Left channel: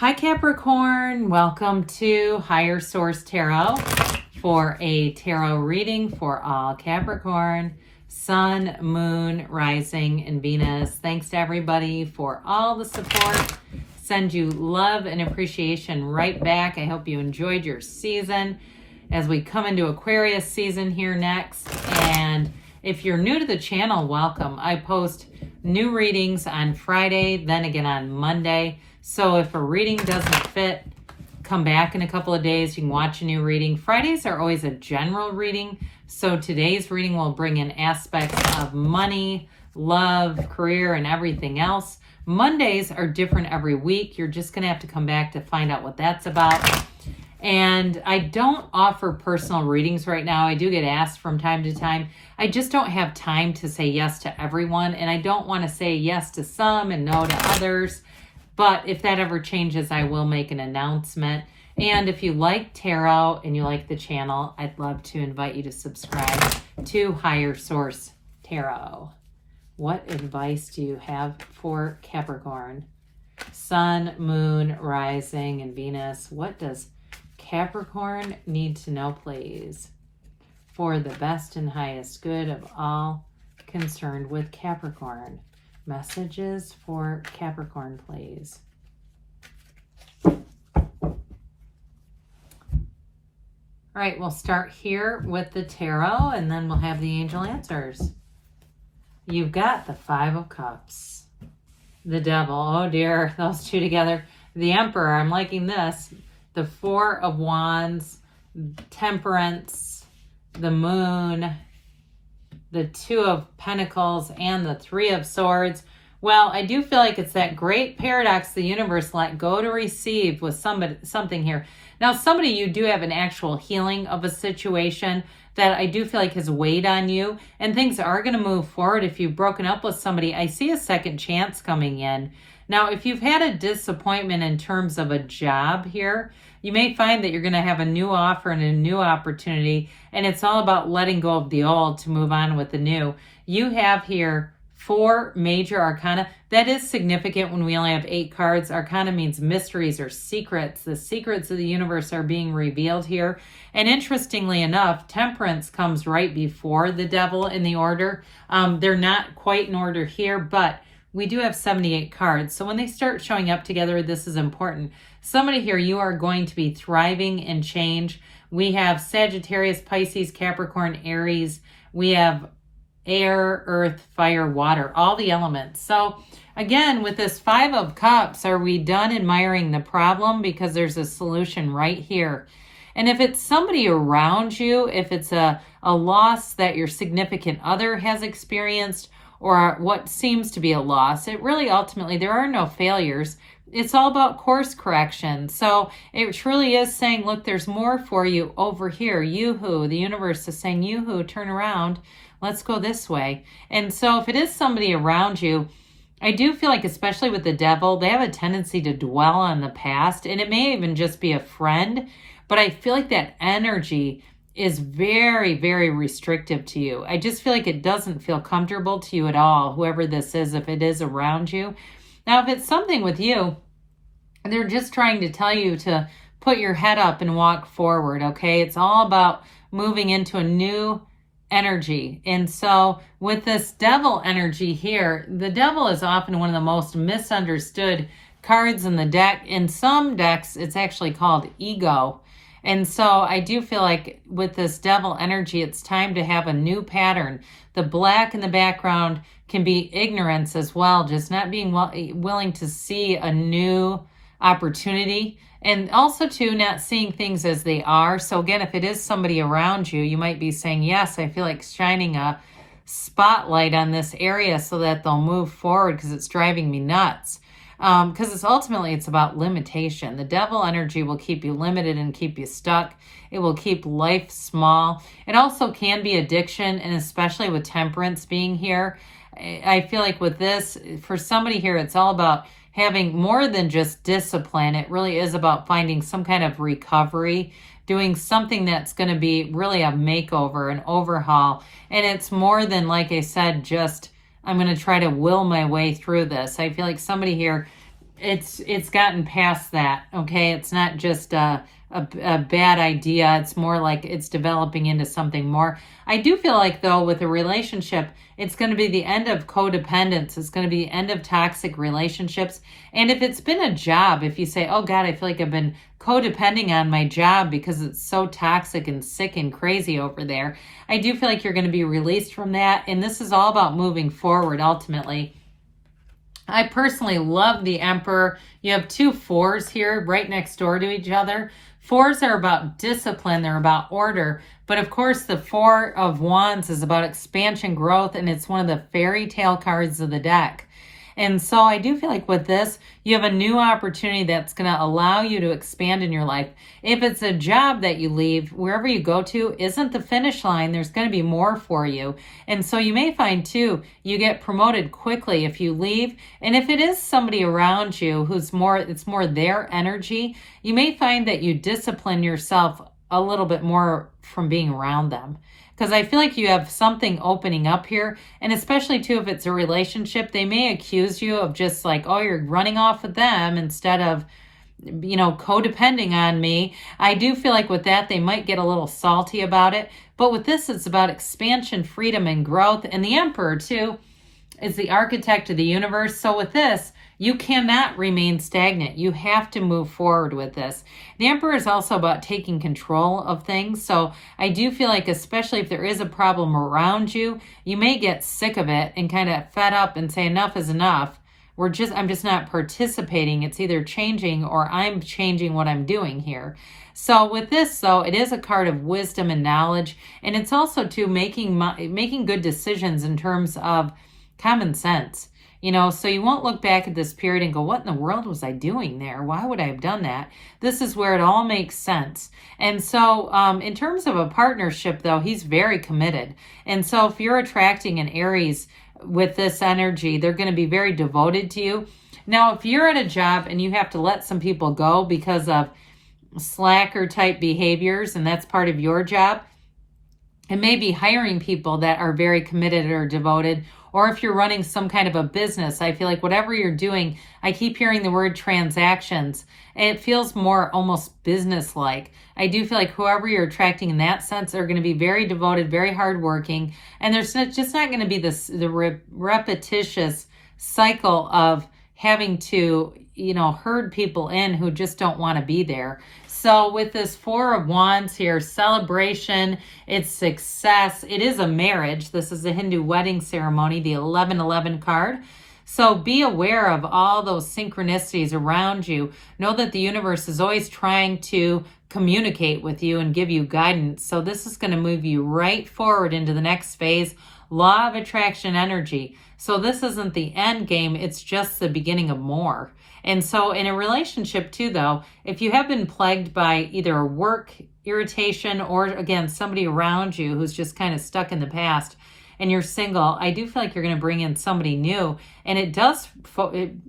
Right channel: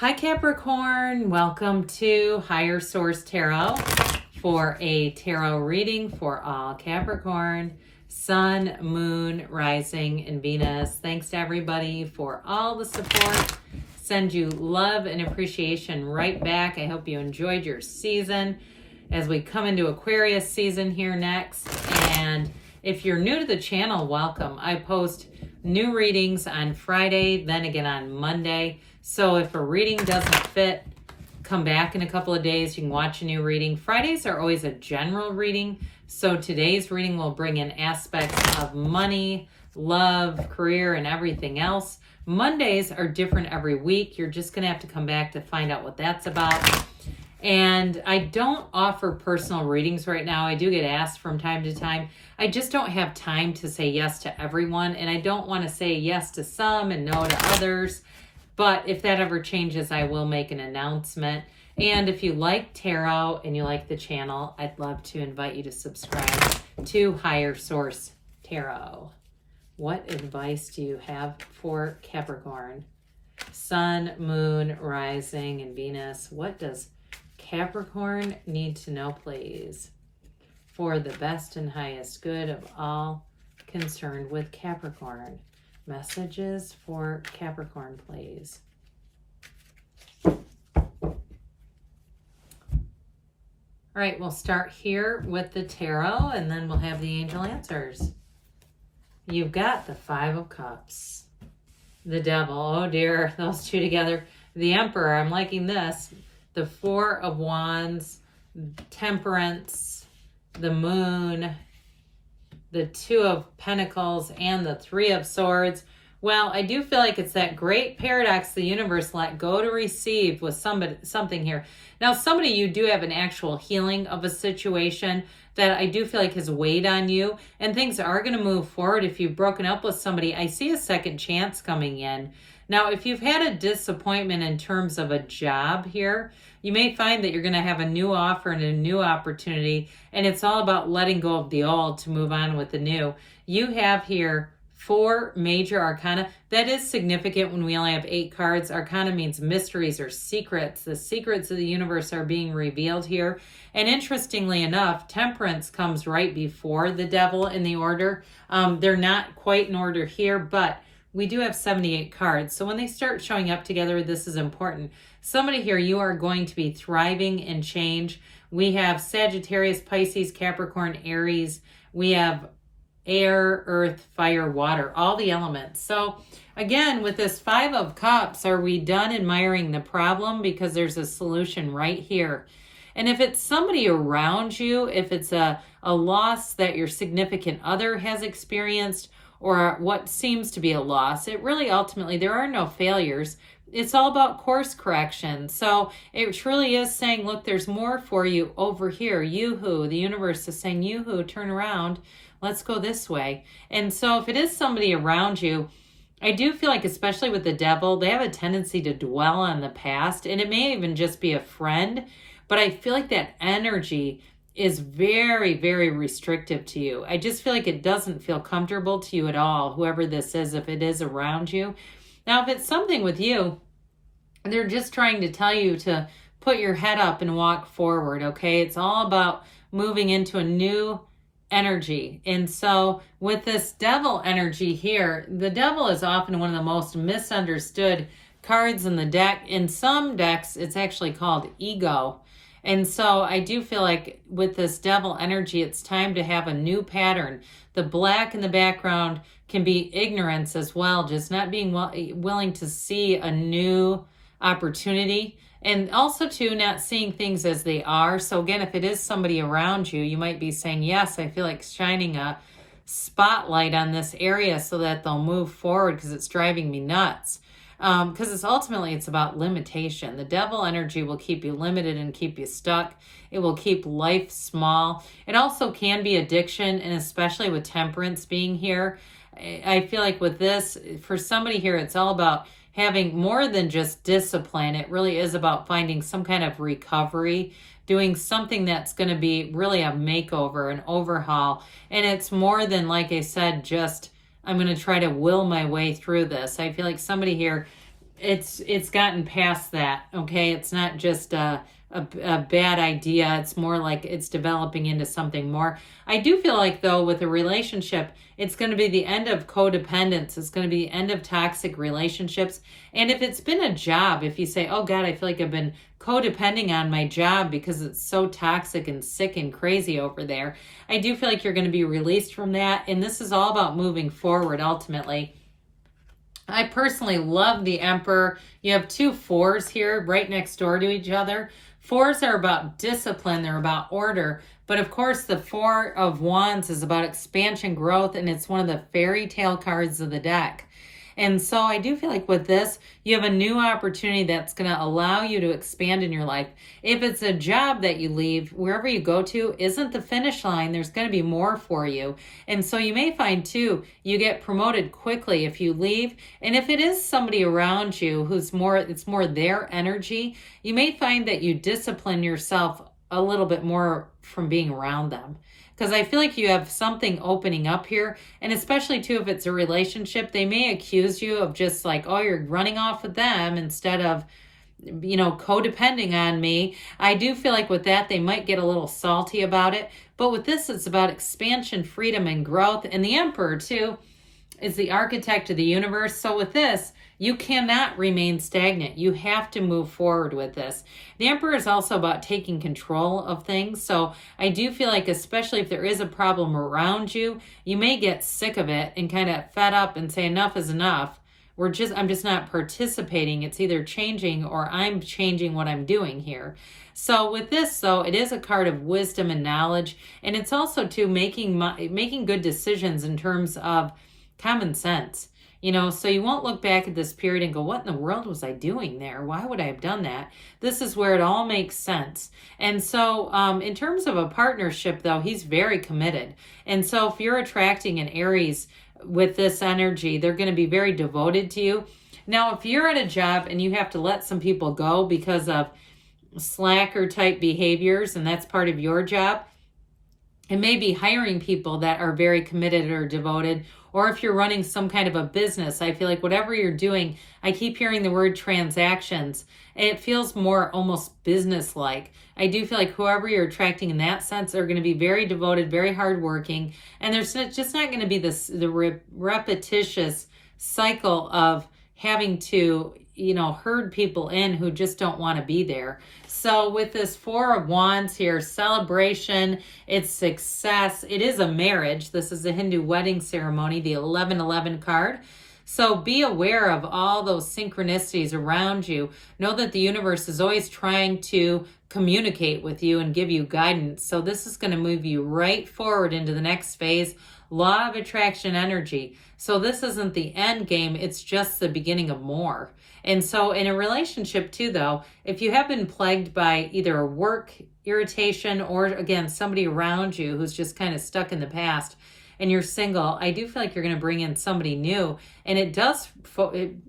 Hi Capricorn, welcome to Higher Source Tarot for a tarot reading for all Capricorn, Sun, Moon, Rising, and Venus. Thanks to everybody for all the support. Send you love and appreciation right back. I hope you enjoyed your season as we come into Aquarius season here next. And if you're new to the channel, welcome. I post new readings on Friday, then again on Monday. So if a reading doesn't fit, come back in a couple of days. You can watch a new reading. Fridays are always a general reading. So today's reading will bring in aspects of money, love, career, and everything else. Mondays are different every week. You're just going to have to come back to find out what that's about. And I don't offer personal readings right now. I do get asked from time to time. I just don't have time to say yes to everyone. And I don't want to say yes to some and no to others. But if that ever changes, I will make an announcement. And if you like tarot and you like the channel, I'd love to invite you to subscribe to Higher Source Tarot. What advice do you have for Capricorn? Sun, Moon, Rising, and Venus. What does Capricorn need to know, please, for the best and highest good of all concerned with Capricorn? Messages for Capricorn, please. All right, we'll start here with the tarot, and then we'll have the angel answers. You've got the Five of Cups, the Devil, oh dear, those two together. The Emperor, I'm liking this. The Four of Wands, Temperance, the Moon, the Two of Pentacles, and the Three of Swords. Well, I do feel like it's that great paradox the universe let go to receive with something here. Now, somebody, you do have an actual healing of a situation that I do feel like has weighed on you, and things are going to move forward. If you've broken up with somebody, I see a second chance coming in. Now, if you've had a disappointment in terms of a job here, you may find that you're going to have a new offer and a new opportunity, and it's all about letting go of the old to move on with the new. You have here 4 major arcana. That is significant when we only have 8 cards. Arcana means mysteries or secrets. The secrets of the universe are being revealed here. And interestingly enough, Temperance comes right before the Devil in the order. They're not quite in order here, but we do have 78 cards. So when they start showing up together, this is important. Somebody here, you are going to be thriving in change. We have Sagittarius, Pisces, Capricorn, Aries. We have air, earth, fire, water, all the elements. So again, with this Five of Cups, are we done admiring the problem? Because there's a solution right here. And if it's somebody around you, if it's a loss that your significant other has experienced, or what seems to be a loss, it really ultimately, there are no failures. It's all about course correction. So it truly is saying, look, there's more for you over here. Yoo-hoo, the universe is saying, yoo-hoo, turn around. Let's go this way. And so if it is somebody around you, I do feel like, especially with the Devil, they have a tendency to dwell on the past. And it may even just be a friend. But I feel like that energy is very, very restrictive to you. I just feel like it doesn't feel comfortable to you at all, whoever this is, if it is around you. Now, if it's something with you, they're just trying to tell you to put your head up and walk forward, okay? It's all about moving into a new energy. And so with this Devil energy here, the Devil is often one of the most misunderstood cards in the deck. In some decks, it's actually called ego. And so I do feel like with this Devil energy, it's time to have a new pattern. The black in the background can be ignorance as well, just not being willing to see a new opportunity, and also too not seeing things as they are. So again, if it is somebody around you, you might be saying, yes, I feel like shining a spotlight on this area so that they'll move forward because it's driving me nuts. Because it's ultimately, it's about limitation. The Devil energy will keep you limited and keep you stuck. It will keep life small. It also can be addiction, and especially with Temperance being here, I feel like with this, for somebody here, it's all about having more than just discipline. It really is about finding some kind of recovery, doing something that's going to be really a makeover, an overhaul. And it's more than, like I said, just I'm going to try to will my way through this. I feel like somebody here it's gotten past that. Okay, it's not just a bad idea. It's more like it's developing into something more. I do feel like, though, with a relationship, it's going to be the end of codependence. It's going to be the end of toxic relationships. And if it's been a job, if you say, oh God, I feel like I've been codepending on my job because it's so toxic and sick and crazy over there, I do feel like you're going to be released from that. And this is all about moving forward ultimately. I personally love the Emperor. You have 2 4s here right next door to each other. 4s are about discipline. They're about order. But of course, the 4 of Wands is about expansion, growth, and it's one of the fairy tale cards of the deck. And so I do feel like with this, you have a new opportunity that's going to allow you to expand in your life. If it's a job that you leave, wherever you go to isn't the finish line, there's going to be more for you. And so you may find too, you get promoted quickly if you leave. And if it is somebody around you who's more, it's more their energy, you may find that you discipline yourself a little bit more from being around them. Because I feel like you have something opening up here. And especially, too, if it's a relationship, they may accuse you of just like, oh, you're running off with them instead of, you know, codepending on me. I do feel like with that, they might get a little salty about it. But with this, it's about expansion, freedom, and growth. And the Emperor, too, is the architect of the universe. So with this, you cannot remain stagnant. You have to move forward with this. The Emperor is also about taking control of things. So I do feel like, especially if there is a problem around you, you may get sick of it and kind of fed up and say enough is enough. I'm just not participating. It's either changing or I'm changing what I'm doing here. So with this, though, it is a card of wisdom and knowledge. And it's also too making good decisions in terms of common sense. You know, so you won't look back at this period and go, what in the world was I doing there? Why would I have done that? This is where it all makes sense. And so in terms of a partnership, though, he's very committed. And so if you're attracting an Aries with this energy, they're going to be very devoted to you. Now, if you're at a job and you have to let some people go because of slacker type behaviors, and that's part of your job, and maybe hiring people that are very committed or devoted. Or if you're running some kind of a business, I feel like whatever you're doing, I keep hearing the word transactions, and it feels more almost business-like. I do feel like whoever you're attracting in that sense are going to be very devoted, very hardworking, and there's just not going to be the repetitious cycle of having to, you know, herd people in who just don't want to be there. So with this 4 of Wands here, celebration, it's success. It is a marriage. This is a Hindu wedding ceremony, the 1111 card. So be aware of all those synchronicities around you. Know that the universe is always trying to communicate with you and give you guidance. So this is going to move you right forward into the next phase. Law of attraction energy. So this isn't the end game. It's just the beginning of more. And so in a relationship too, though, if you have been plagued by either a work irritation or, again, somebody around you who's just kind of stuck in the past and you're single, I do feel like you're going to bring in somebody new. And it does,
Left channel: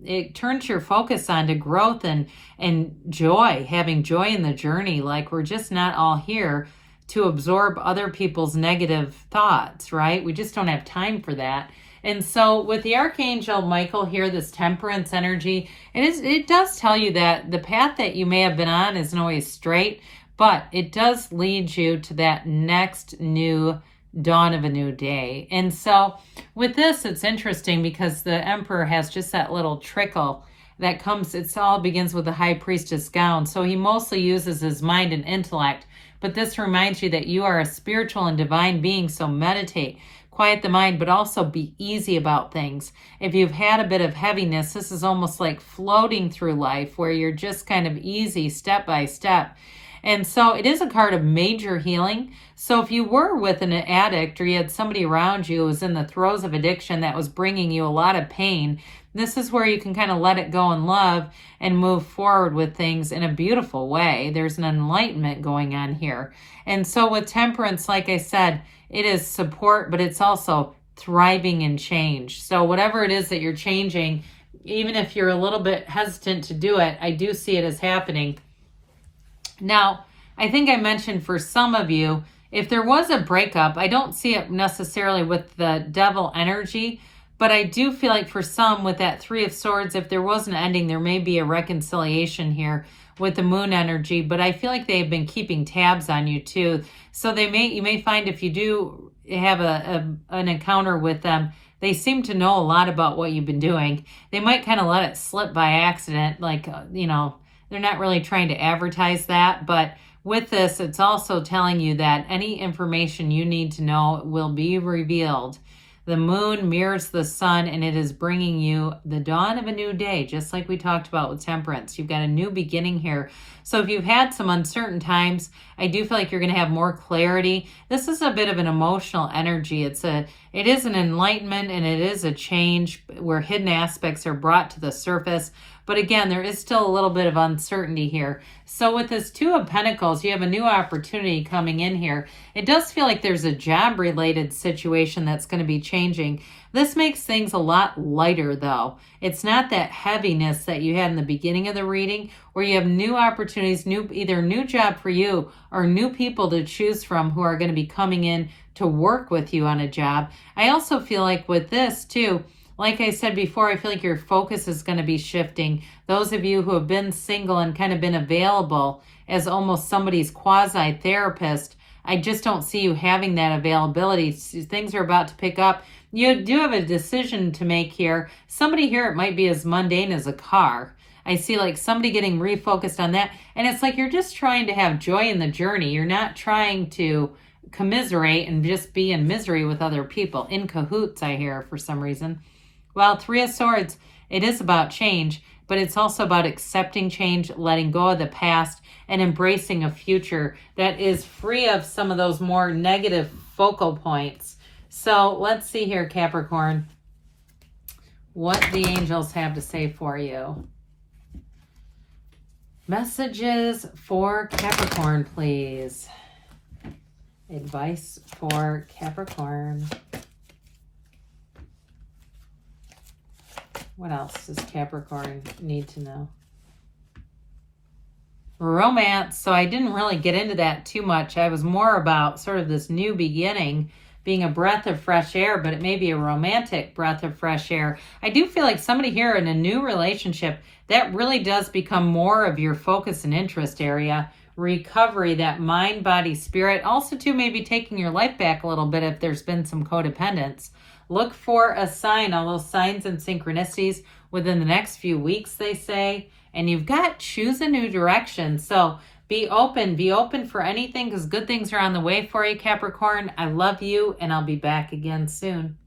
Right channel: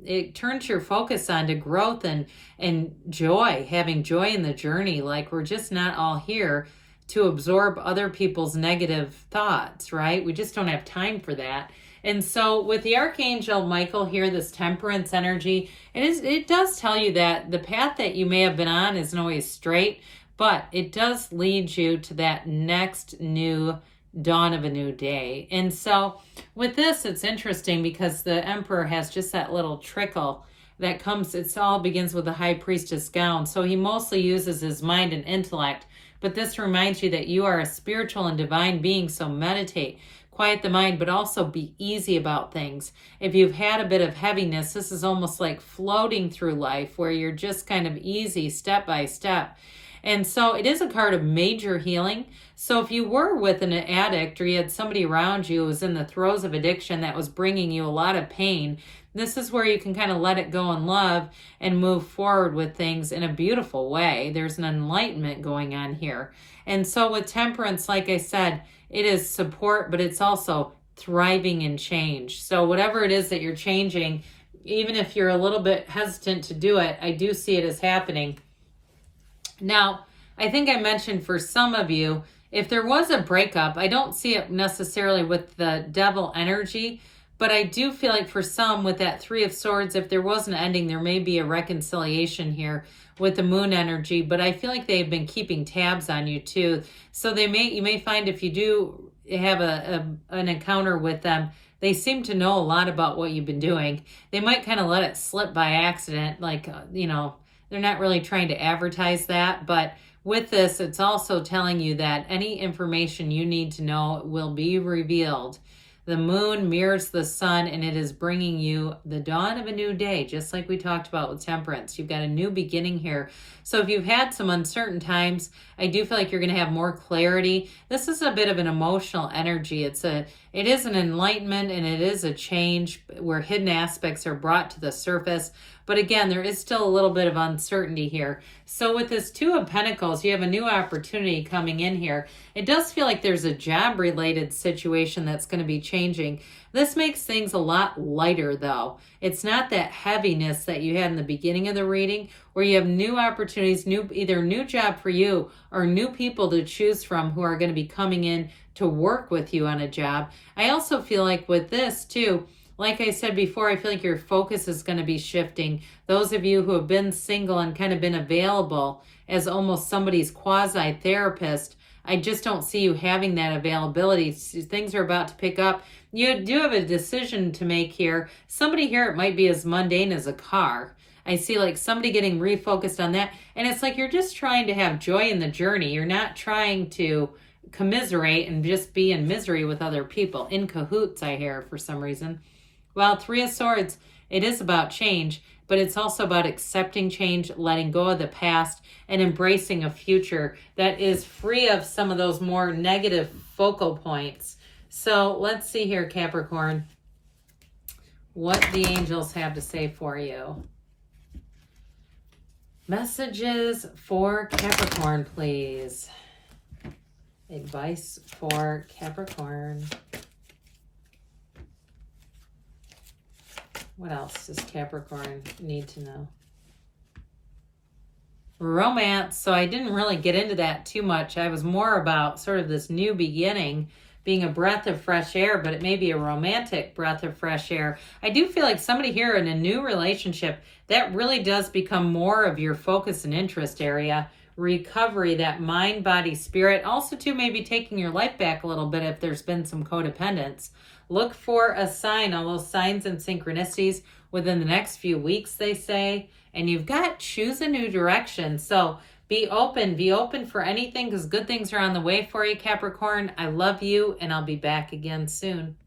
it turns your focus on to growth and joy, having joy in the journey. Like we're just not all here to absorb other people's negative thoughts, right? We just don't have time for that. And so with the Archangel Michael here, this temperance energy, it does tell you that the path that you may have been on isn't always straight, but it does lead you to that next new dawn of a new day. And so with this, it's interesting because the Emperor has just that little trickle that comes, it all begins with the High Priestess gown. So he mostly uses his mind and intellect, but this reminds you that you are a spiritual and divine being, so meditate. Quiet the mind, but also be easy about things. If you've had a bit of heaviness, this is almost like floating through life where you're just kind of easy step by step. And so it is a card of major healing. So if you were with an addict or you had somebody around you who was in the throes of addiction that was bringing you a lot of pain, this is where you can kind of let it go in love and move forward with things in a beautiful way. There's an enlightenment going on here. And so with temperance, like I said, it is support, but it's also thriving in change. So whatever it is that you're changing, even if you're a little bit hesitant to do it, I do see it as happening. Now, I think I mentioned for some of you, if there was a breakup, I don't see it necessarily with the devil energy, But I do feel like for some, with that Three of Swords, if there was an ending, there may be a reconciliation here with the moon energy. But I feel like they've been keeping tabs on you too. So you may find if you do have an encounter with them, they seem to know a lot about what you've been doing. They might kind of let it slip by accident, like, they're not really trying to advertise that. But with this, it's also telling you that any information you need to know will be revealed. The moon mirrors the sun, and it is bringing you the dawn of a new day, just like we talked about with Temperance. You've got a new beginning here. So if you've had some uncertain times, I do feel like you're going to have more clarity. This is a bit of an emotional energy. It is an enlightenment, and it is a change where hidden aspects are brought to the surface. But again, there is still a little bit of uncertainty here. So with this Two of Pentacles, you have a new opportunity coming in here. It does feel like there's a job-related situation that's going to be changing. This makes things a lot lighter, though. It's not that heaviness that you had in the beginning of the reading, where you have new opportunities, either new job for you or new people to choose from who are going to be coming in to work with you on a job. I also feel like with this, too, like I said before, I feel like your focus is going to be shifting. Those of you who have been single and kind of been available as almost somebody's quasi-therapist, I just don't see you having that availability. Things are about to pick up. You do have a decision to make here. Somebody here, it might be as mundane as a car. I see like somebody getting refocused on that. And it's like you're just trying to have joy in the journey. You're not trying to commiserate and just be in misery with other people. In cahoots, I hear, for some reason. Well, Three of Swords, it is about change, but it's also about accepting change, letting go of the past, and embracing a future that is free of some of those more negative focal points. So let's see here, Capricorn, what the angels have to say for you. Messages for Capricorn, please. Advice for Capricorn. What else does Capricorn need to know? Romance. So I didn't really get into that too much. I was more about sort of this new beginning being a breath of fresh air, but it may be a romantic breath of fresh air. I do feel like somebody here in a new relationship, that really does become more of your focus and interest area. Recovery, that mind, body, spirit. Also, too, maybe taking your life back a little bit if there's been some codependence. Look for a sign, all those signs and synchronicities within the next few weeks, they say. And you've got choose a new direction. So be open for anything, because good things are on the way for you, Capricorn. I love you, and I'll be back again soon.